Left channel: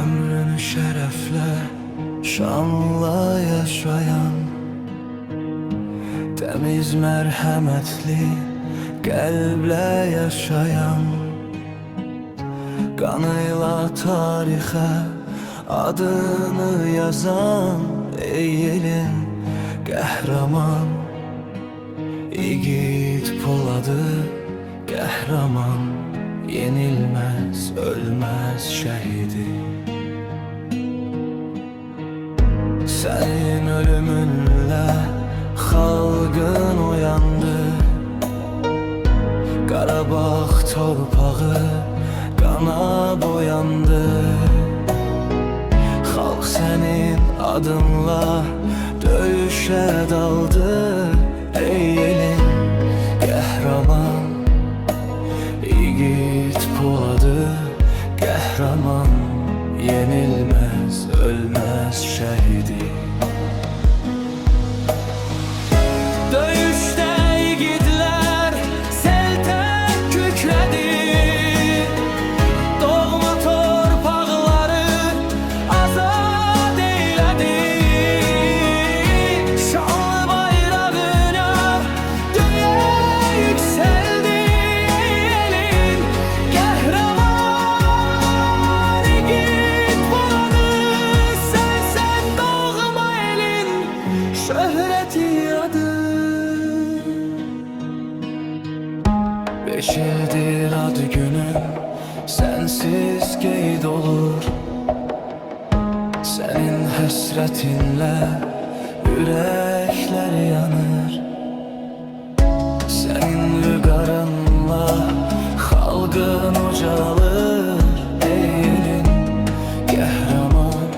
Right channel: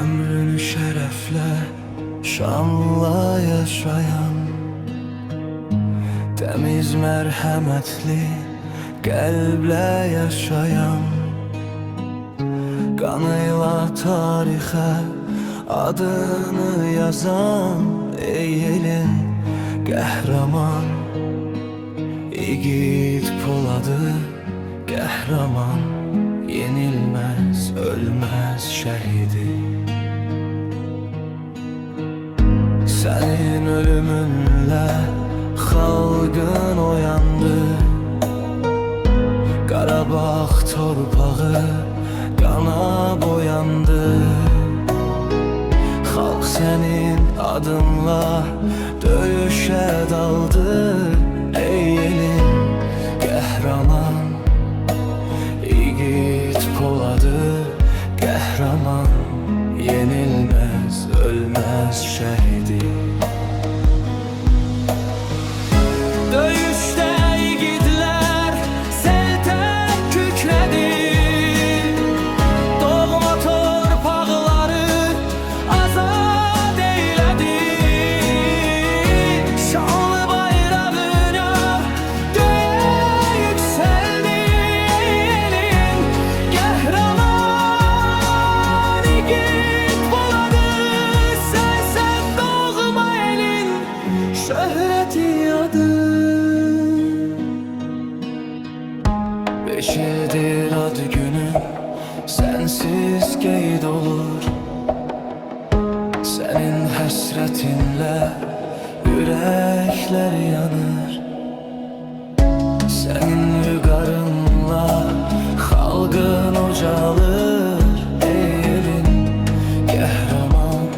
Ömrünü şərəflə, şanla yaşayan, təmiz mərhəmətli qəlblə yaşayan, qanıyla tarixə adını yazan, ey elin qəhrəman, İgid Poladı qəhrəman, yenilməz, ölməz şəhidi. Sənin ölümünlə xalqın oyandı, Qarabağ torpağı qana boyandı. Xalq sənin adınla döyüşə daldı, ey elin qəhrəman, İgid Poladı qəhrəman, yenilməz, ölməz şəhidi. Döyüşdə igidlər sel tək kükrədi, doğma torpaqları azad eylədi. Şanlı bayrağın yar göyə yüksəldi, ey elin qəhrəman, İgid Poladı, sənsən doğma elin şöhrəti adı. 5 ildir ad günün sensiz qeyd olur, sənin həsrətinlə ürəklər yanır. Sənin vüqarınla xalqın ucalır, ey elin qəhrəman,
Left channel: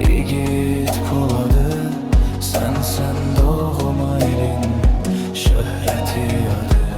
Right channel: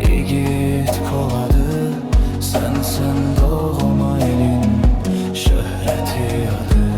İgid Poladı, sənsən doğma elin şöhrəti adı.